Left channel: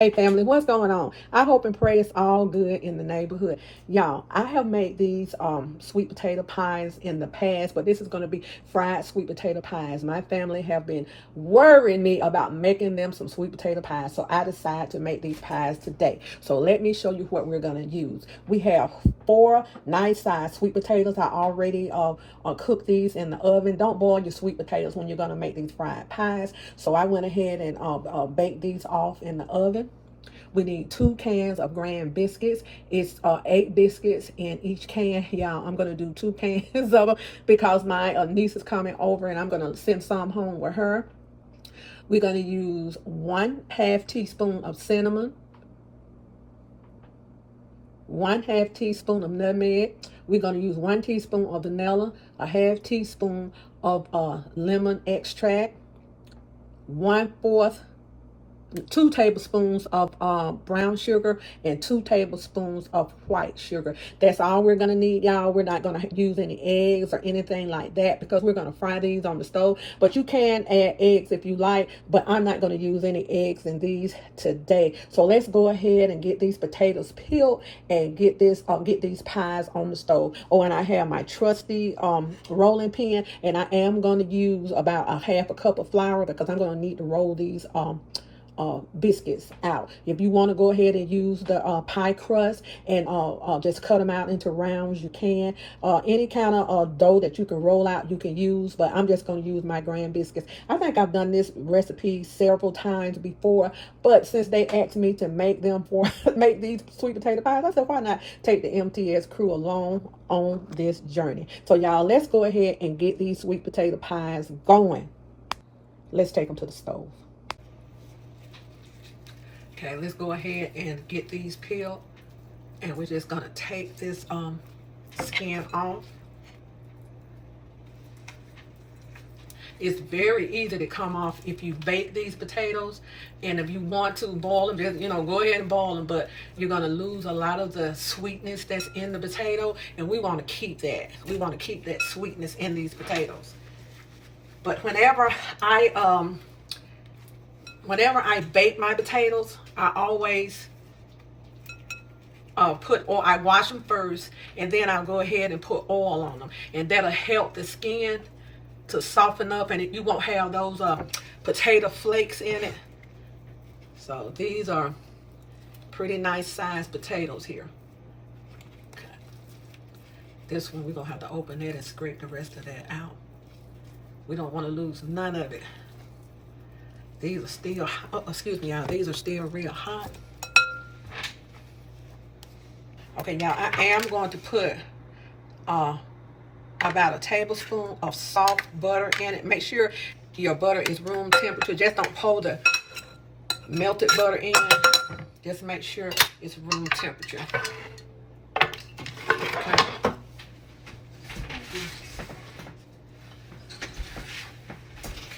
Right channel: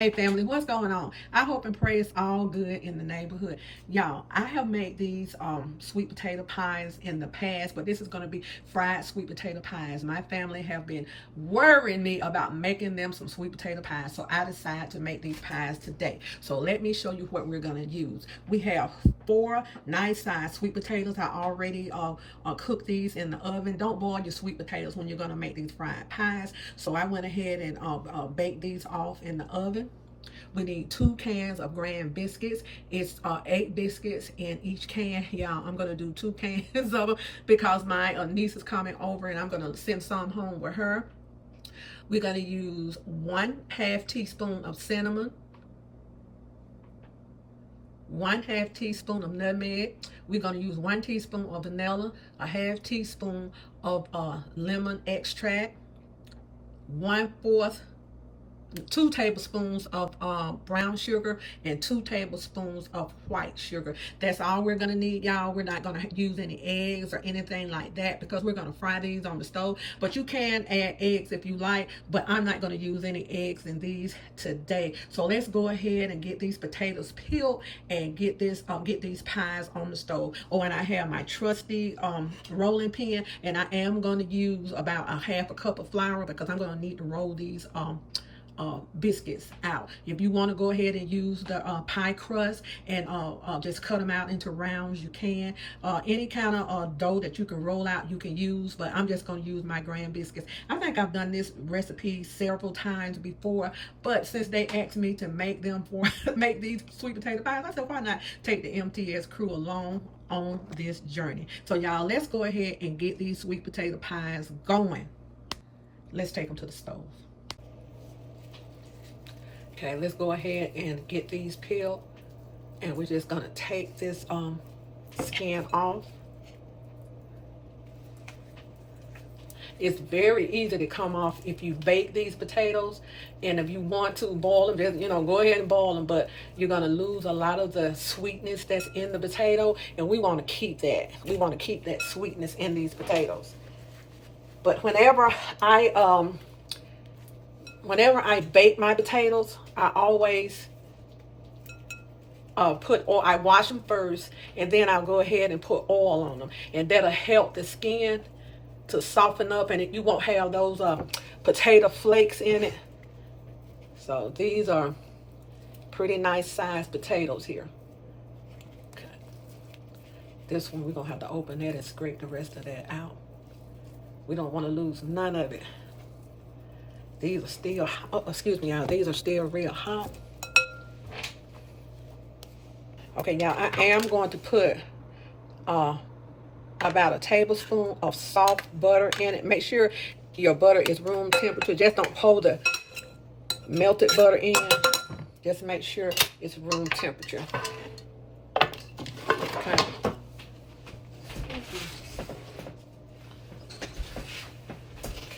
Hey family, what's going on? I hope and pray it's all good in the neighborhood. Y'all, I have made these sweet potato pies in the past, but this is going to be fried sweet potato pies. My family have been worrying me about making them some sweet potato pies, so I decided to make these pies today. So let me show you what we're going to use. We have 4 nice sized sweet potatoes. I already cooked these in the oven. Don't boil your sweet potatoes when you're going to make these fried pies. So I went ahead and baked these off in the oven. We need 2 cans of Grand biscuits. It's 8 biscuits in each can. Y'all, I'm going to do 2 cans of them because my niece is coming over and I'm going to send some home with her. We're going to use 1/2 teaspoon of cinnamon, 1/2 teaspoon of nutmeg. We're going to use 1 teaspoon of vanilla, a 1/2 teaspoon of lemon extract, 2 tablespoons of brown sugar, and 2 tablespoons of white sugar. That's all we're going to need, y'all. We're not going to use any eggs or anything like that because we're going to fry these on the stove. But you can add eggs if you like, but I'm not going to use any eggs in these today. So let's go ahead and get these potatoes peeled and get these pies on the stove. Oh, and I have my trusty rolling pin, and I am going to use about 1/2 cup of flour because I'm going to need to roll these biscuits out. If you want to go ahead and use the pie crust and just cut them out into rounds, you can. Any kind of dough that you can roll out, you can use, but I'm just going to use my Grand biscuits. I think I've done this recipe several times before, but since they asked me to make them for make these sweet potato pies, I said, why not take the MTS crew along on this journey? So y'all, let's go ahead and get these sweet potato pies going. Let's take them to the stove. Okay, let's go ahead and get these peeled, and we're just gonna take this skin off. It's very easy to come off if you bake these potatoes, and if you want to boil them, just go ahead and boil them, but you're gonna lose a lot of the sweetness that's in the potato, and we want to keep that. We want to keep that sweetness in these potatoes. But whenever I bake my potatoes, I always put oil. I wash them first, and then I'll go ahead and put oil on them, and that'll help the skin to soften up, and you won't have those potato flakes in it. So these are pretty nice sized potatoes here. Okay. This one we're gonna have to open it and scrape the rest of that out. We don't want to lose none of it. These are still, excuse me, y'all, these are still real hot. Okay, y'all, I am going to put about 1 tablespoon of soft butter in it. Make sure your butter is room temperature. Just don't hold the melted butter in. Just make sure it's room temperature. Okay.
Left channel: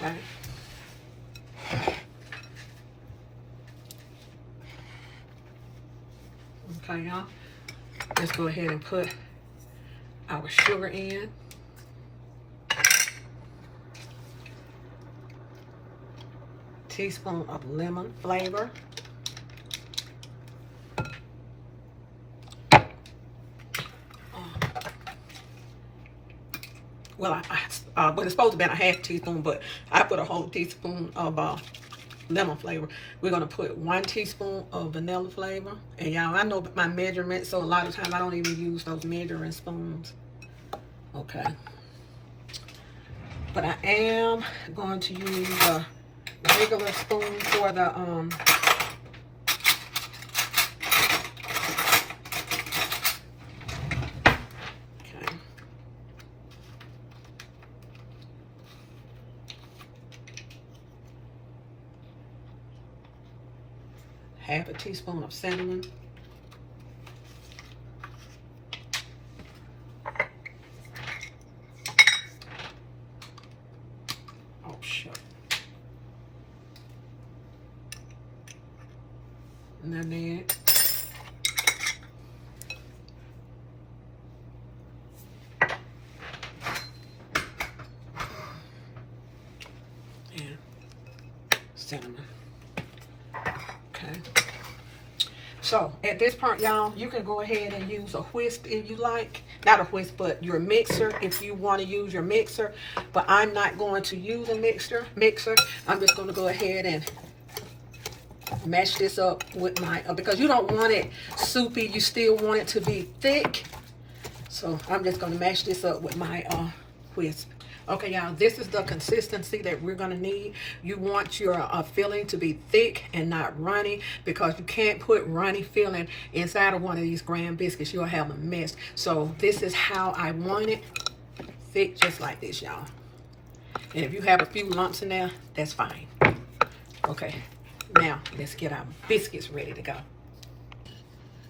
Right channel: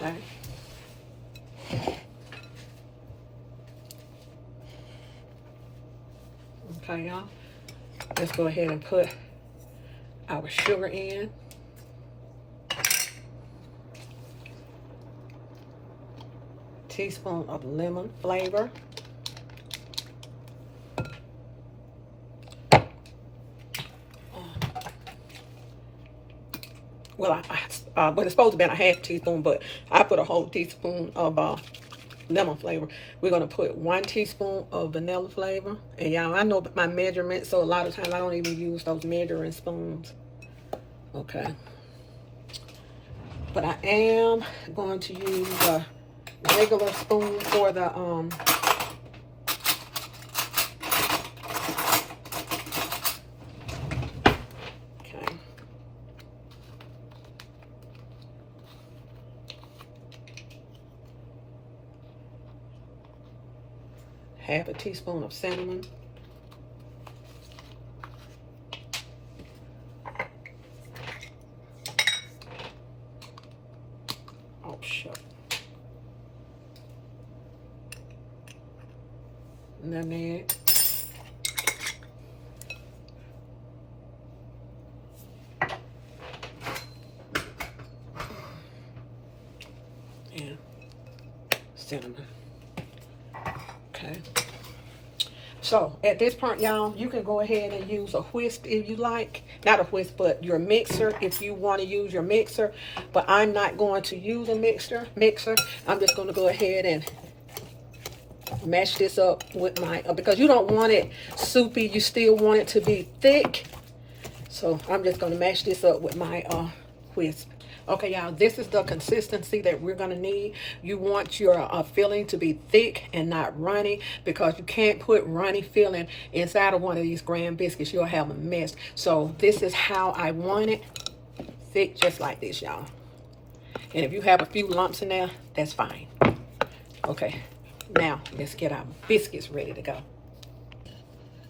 Okay. Okay, y'all. Let's go ahead and put our sugar in. Teaspoon of lemon flavor. Well, but it's supposed to be a 1/2 teaspoon, but I put a whole teaspoon of lemon flavor. We're going to put 1 teaspoon of vanilla flavor. And y'all, I know my measurements, so a lot of times I don't even use those measuring spoons. Okay. But I am going to use a regular spoon for the okay. 1/2 teaspoon of cinnamon. Oh, shit. Nutmeg. And cinnamon. Okay. So at this point, y'all, you can go ahead and use a whisk if you like. Not a whisk, but your mixer if you want to use your mixer. But I'm not going to use a mixer. I'm just going to go ahead and mash this up with my, because you don't want it soupy, you still want it to be thick. So I'm just going to mash this up with my whisk. Okay, y'all, this is the consistency that we're going to need. You want your filling to be thick and not runny, because you can't put runny filling inside of one of these graham biscuits. You'll have a mess. So this is how I want it, thick, just like this, y'all. And if you have a few lumps in there, that's fine. Okay, now let's get our biscuits ready to go.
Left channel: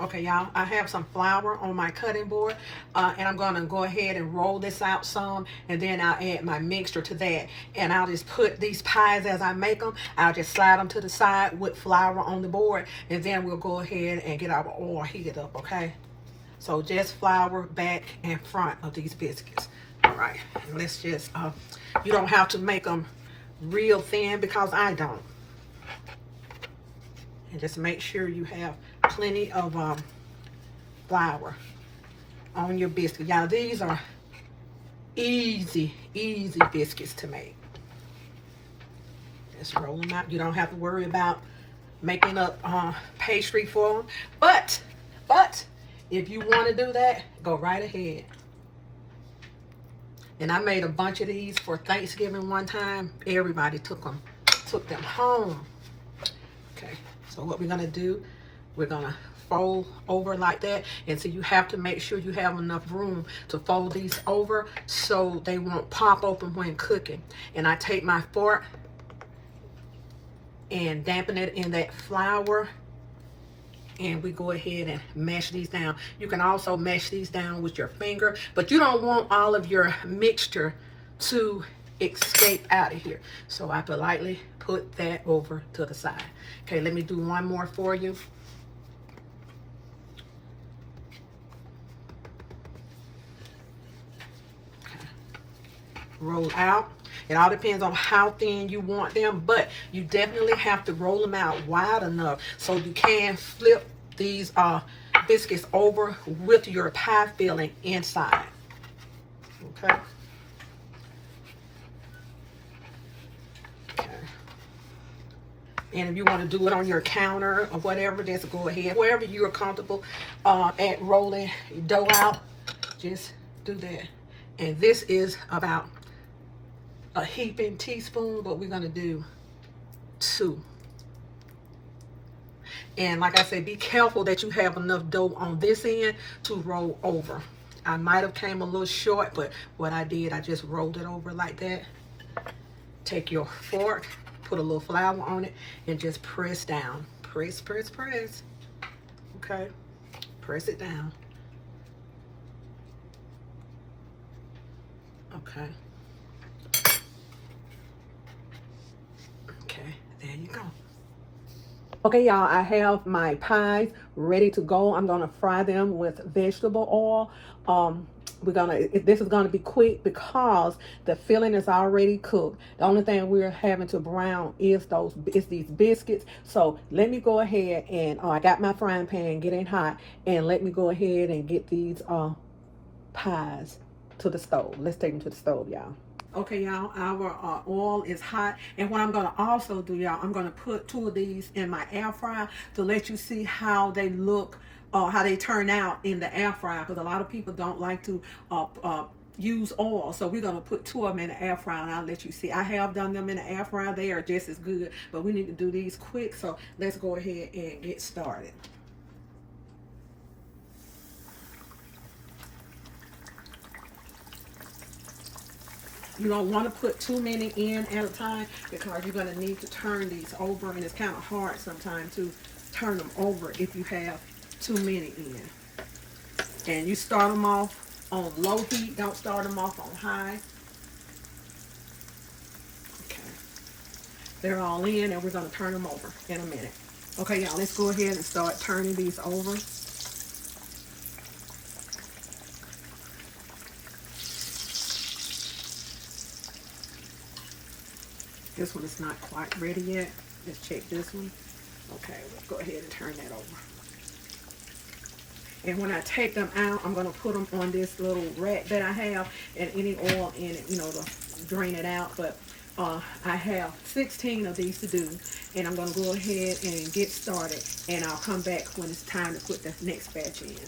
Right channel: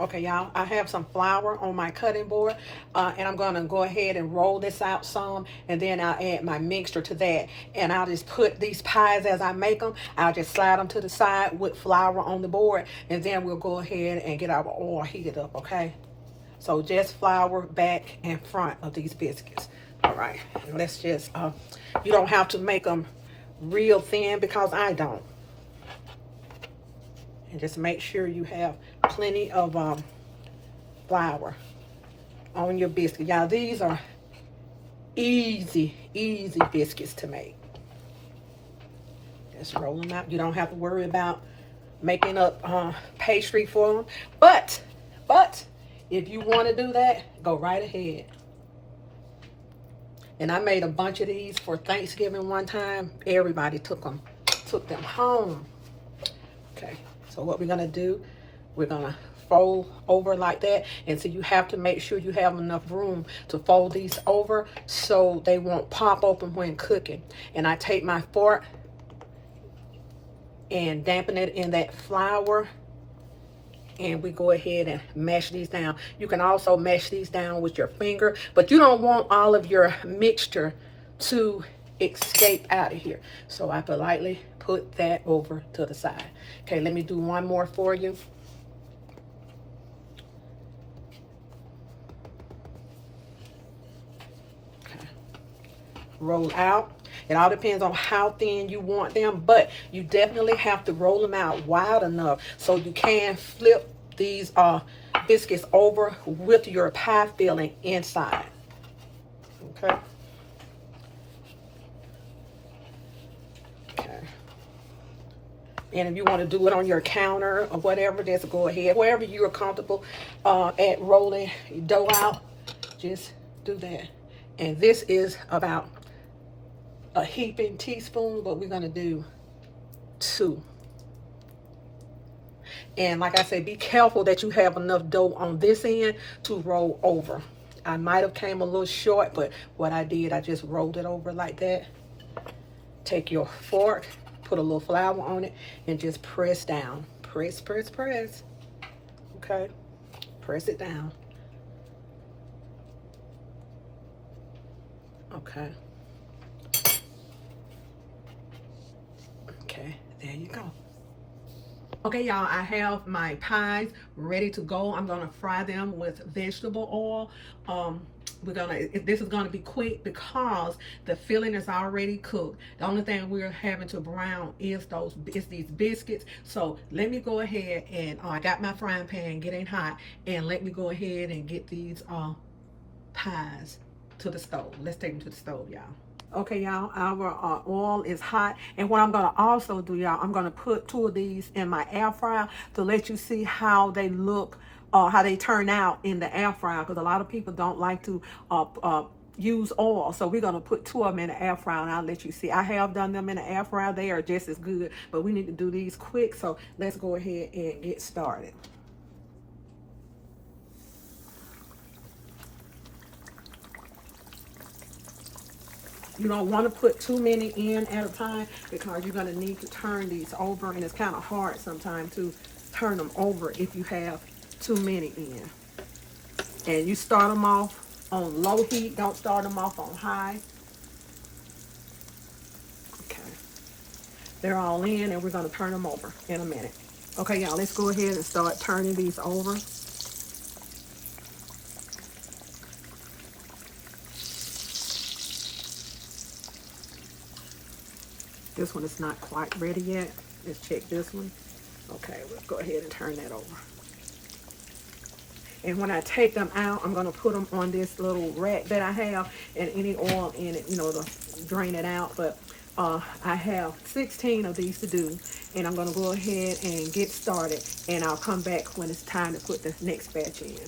Okay, y'all, I have some flour on my cutting board, and I'm going to go ahead and roll this out some, and then I'll add my mixture to that. And I'll just put these pies as I make them. I'll just slide them to the side with flour on the board, and then we'll go ahead and get our oil heated up, okay? So just flour back and front of these biscuits. All right, and let's just, you don't have to make them real thin, because I don't. And just make sure you have plenty of flour on your biscuit. Y'all, these are easy biscuits to make. Just roll them out. You don't have to worry about making up pastry for them. But if you want to do that, go right ahead. And I made a bunch of these for Thanksgiving one time. Everybody took them home. Okay, so what we're gonna do, we're gonna fold over like that. And so you have to make sure you have enough room to fold these over so they won't pop open when cooking. And I take my fork and dampen it in that flour, and we go ahead and mash these down. You can also mash these down with your finger, but you don't want all of your mixture to escape out of here. So I politely put that over to the side. Okay, let me do one more for you. Okay. Roll out. It all depends on how thin you want them, but you definitely have to roll them out wide enough so you can flip these biscuits over with your pie filling inside. Okay. And if you want to do it on your counter or whatever, just go ahead. Wherever you are comfortable at rolling dough out, just do that. And this is about a heaping teaspoon, but we're going to do 2. And like I said, be careful that you have enough dough on this end to roll over. I might have came a little short, but what I did, I just rolled it over like that. Take your fork, put a little flour on it, and just press down. Press. Okay, press it down. Okay. Okay, there you go. Okay, y'all, I have my pies ready to go. I'm gonna fry them with vegetable oil. This is gonna be quick because the filling is already cooked. The only thing we're having to brown is these biscuits. So let me go ahead and I got my frying pan getting hot, and let me go ahead and get these pies to the stove. Let's take them to the stove, y'all. Okay, y'all, our oil is hot. And what I'm going to also do, y'all, I'm going to put 2 of these in my air fryer to let you see how they look, how they turn out in the air fryer, because a lot of people don't like to use oil. So we're going to put 2 of them in the air fryer, and I'll let you see. I have done them in the air fryer. They are just as good, but we need to do these quick. So let's go ahead and get started. You don't want to put too many in at a time, because you're going to need to turn these over, and it's kind of hard sometimes to turn them over if you have too many in. And you start them off on low heat. Don't start them off on high. Okay. They're all in, and we're going to turn them over in a minute. Okay, y'all, let's go ahead and start turning these over. This one is not quite ready yet. Let's check this one. Okay, let's go ahead and turn that over. And when I take them out, I'm going to put them on this little rack that I have, and any oil in it, you know, to drain it out. But I have 16 of these to do, and I'm going to go ahead and get started, and I'll come back when it's time to put the next batch in.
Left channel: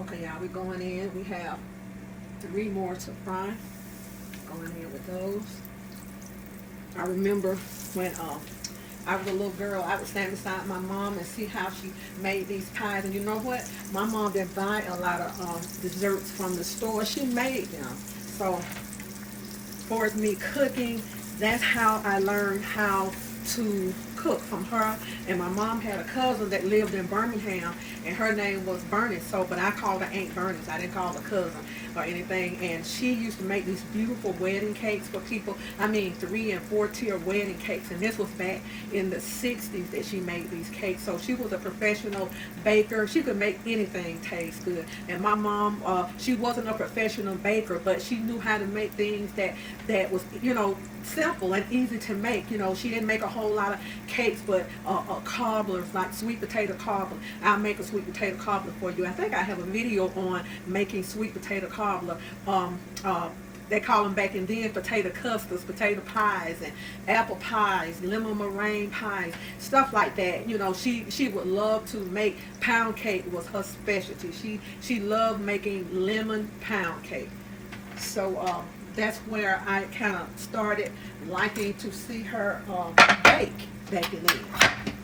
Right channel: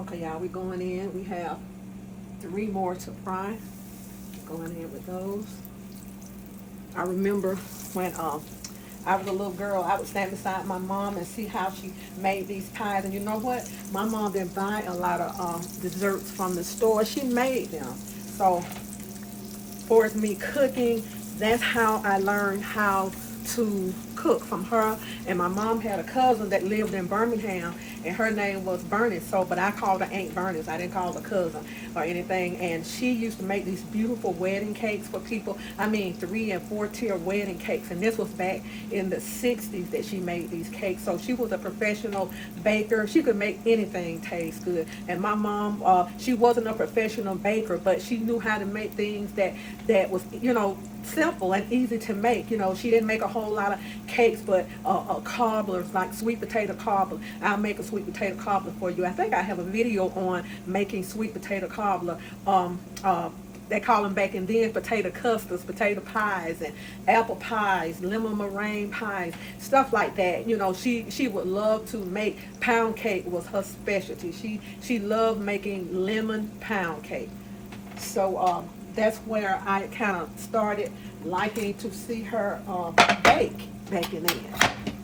Okay, y'all, we're going in. We have 3 more to fry. Going in with those. I remember when I was a little girl, I would stand beside my mom and see how she made these pies. And you know what? My mom didn't buy a lot of desserts from the store. She made them. So for me cooking, that's how I learned how to cook, from her. And my mom had a cousin that lived in Birmingham, and her name was Bernice. So, but I called her Aunt Bernice. I didn't call her cousin or anything. And she used to make these beautiful wedding cakes for people. I mean, 3- and 4-tier wedding cakes. And this was back in the 60s that she made these cakes. So she was a professional baker. She could make anything taste good. And my mom, she wasn't a professional baker, but she knew how to make things that was, you know, simple and easy to make. You know, she didn't make a whole lot of cakes, but cobblers, like sweet potato cobbler. I'll make a sweet potato cobbler for you. I think I have a video on making sweet potato cobbler. They call them back in then potato custards, potato pies, and apple pies, lemon meringue pies, stuff like that. You know, she would love to make pound cake, was her specialty. She loved making lemon pound cake. So that's where I kind of started liking to see her bake back in then,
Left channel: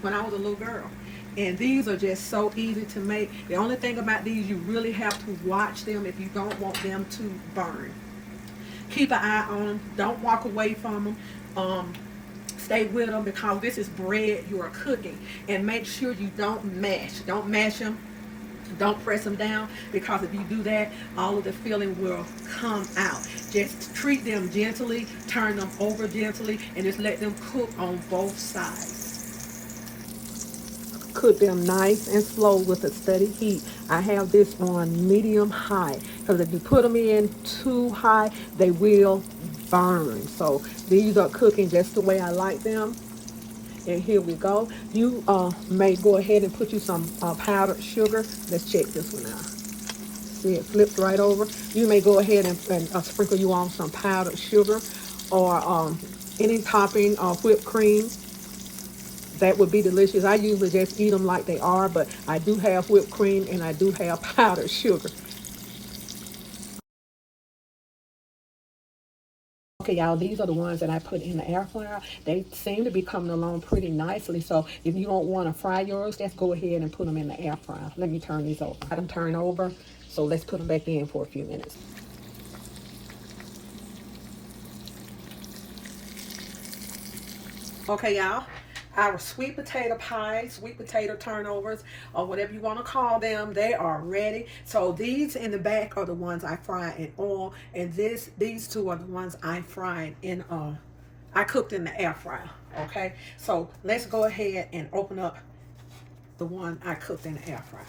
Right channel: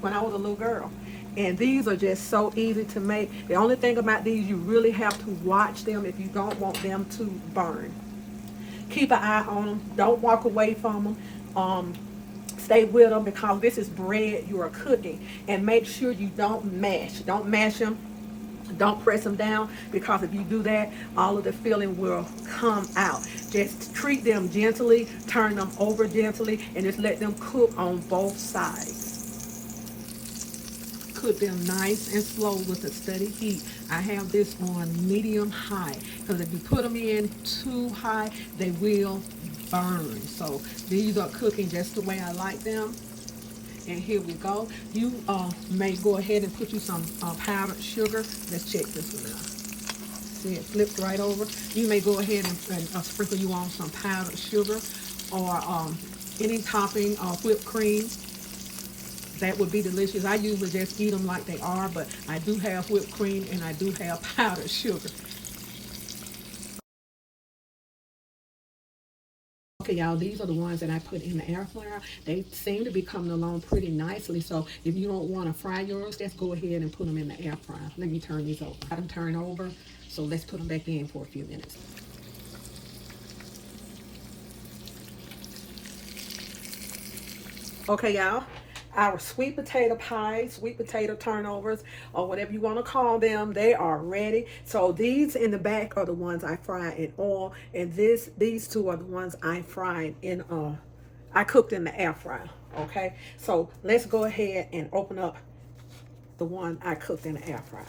when I was a little girl. And these are just so easy to make. The only thing about these, you really have to watch them if you don't want them to burn. Keep an eye on them. Don't walk away from them. Stay with them, because this is bread you are cooking. And make sure you don't mash. Don't mash them. Don't press them down, because if you do that, all of the filling will come out. Just treat them gently, turn them over gently, and just let them cook on both sides. Cook them nice and slow with a steady heat. I have this on medium high, because if you put them in too high, they will burn. So these are cooking just the way I like them. And here we go. You may go ahead and put you some powdered sugar. Let's check this one out. See, it flips right over. You may go ahead and sprinkle you on some powdered sugar, or any topping of whipped cream. That would be delicious. I usually just eat them like they are, but I do have whipped cream and I do have powdered sugar. Okay, y'all, these are the ones that I put in the air fryer. They seem to be coming along pretty nicely. So if you don't want to fry yours, just go ahead and put them in the air fryer. Let me turn these over. I them turn over. So let's put them back in for a few minutes. Okay, y'all. Our sweet potato pies, sweet potato turnovers, or whatever you want to call them, they are ready. So these in the back are the ones I fry in oil, and these 2 are the ones I fried in I cooked in the air fryer. Okay, so let's go ahead and open up the one I cooked in the air fryer.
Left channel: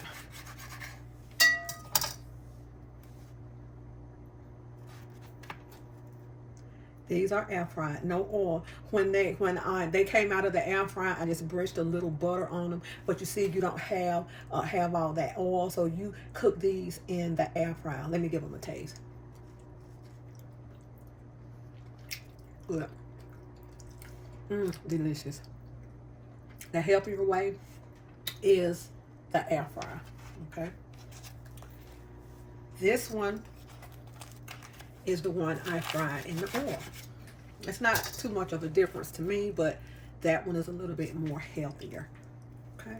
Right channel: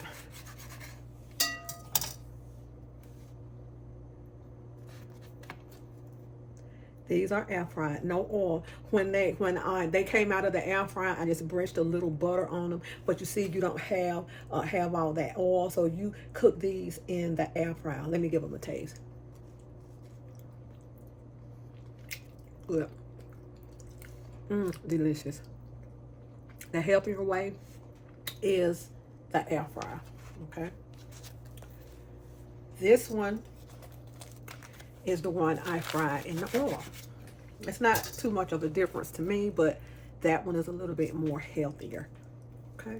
These are air fried, no oil. When they came out of the air fryer, I just brushed a little butter on them. But you see, you don't have all that oil, so you cook these in the air fryer. Let me give them a taste. Good. Delicious. The healthier way is the air fryer. Okay. This one is the one I fried in the oil. It's not too much of a difference to me, but that one is a little bit more healthier. Okay.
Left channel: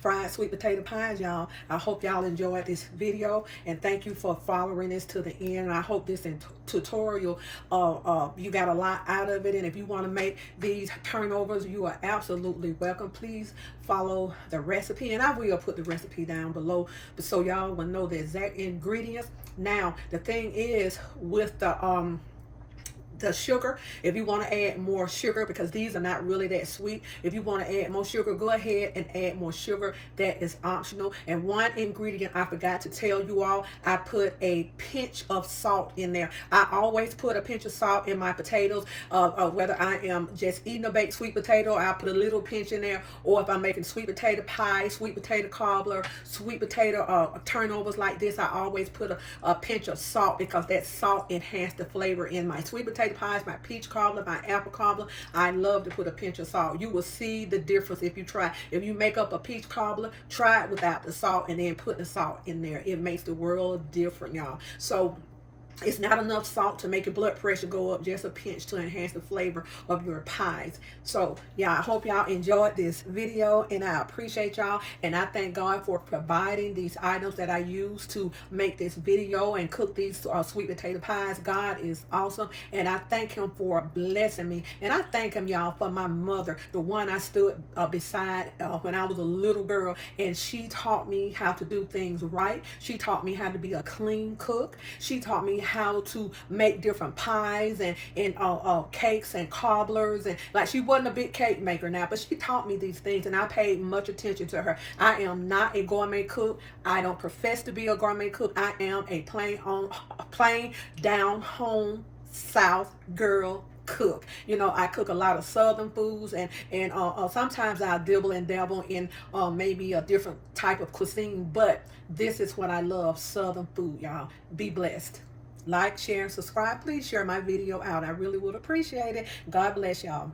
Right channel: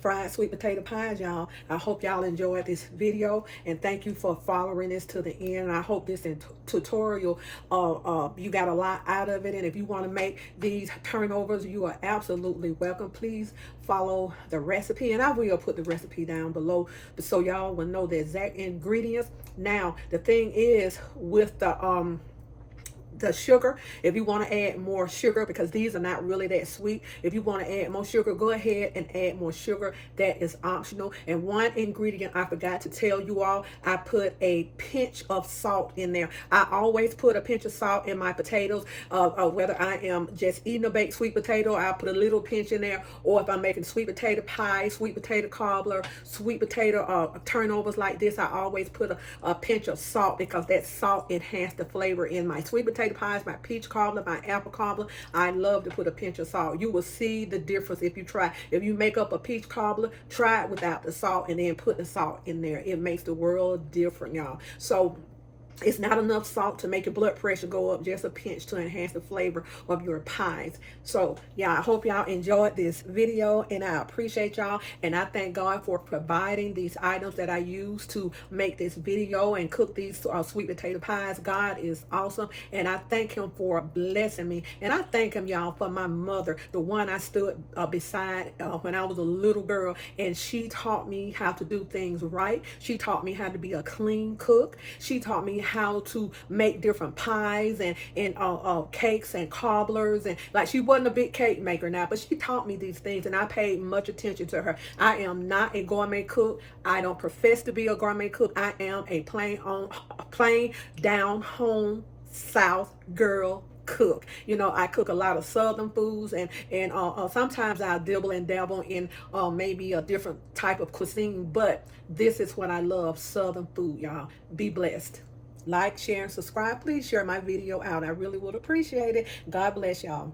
Fried sweet potato pies, y'all. I hope y'all enjoyed this video, and thank you for following this to the end. I hope this tutorial you got a lot out of it, and if you want to make these turnovers, you are absolutely welcome. Please follow the recipe, and I will put the recipe down below so y'all will know the exact ingredients. Now the thing is, with the the sugar. If you want to add more sugar, because these are not really that sweet, if you want to add more sugar, go ahead and add more sugar. That is optional. And one ingredient I forgot to tell you all, I put a pinch of salt in there. I always put a pinch of salt in my potatoes, whether I am just eating a baked sweet potato, I'll put a little pinch in there, or if I'm making sweet potato pie, sweet potato cobbler, sweet potato turnovers like this, I always put a pinch of salt, because that salt enhances the flavor in my sweet potato pies, my peach cobbler, my apple cobbler. I love to put a pinch of salt. You will see the difference if you try. If you make up a peach cobbler, try it without the salt and then put the salt in there. It makes the world different, y'all. So it's not enough salt to make your blood pressure go up, just a pinch to enhance the flavor of your pies. So yeah, I hope y'all enjoyed this video, and I appreciate y'all, and I thank God for providing these items that I use to make this video and cook these sweet potato pies. God is awesome, and I thank him for blessing me, and I thank him, y'all, for my mother, the one I stood beside when I was a little girl, and she taught me how to do things right. She taught me how to be a clean cook. She taught me how to make different pies and cakes and cobblers, and like, she wasn't a big cake maker now, but she taught me these things, and I paid much attention to her. I am not a gourmet cook. I don't profess to be a gourmet cook. I am a plain down home South girl cook. You know, I cook a lot of Southern foods, and sometimes I dibble and dabble in maybe a different type of cuisine, but this is what I love, Southern food, y'all. Be blessed. Like, share, and subscribe. Please share my video out. I really would appreciate it. God bless y'all.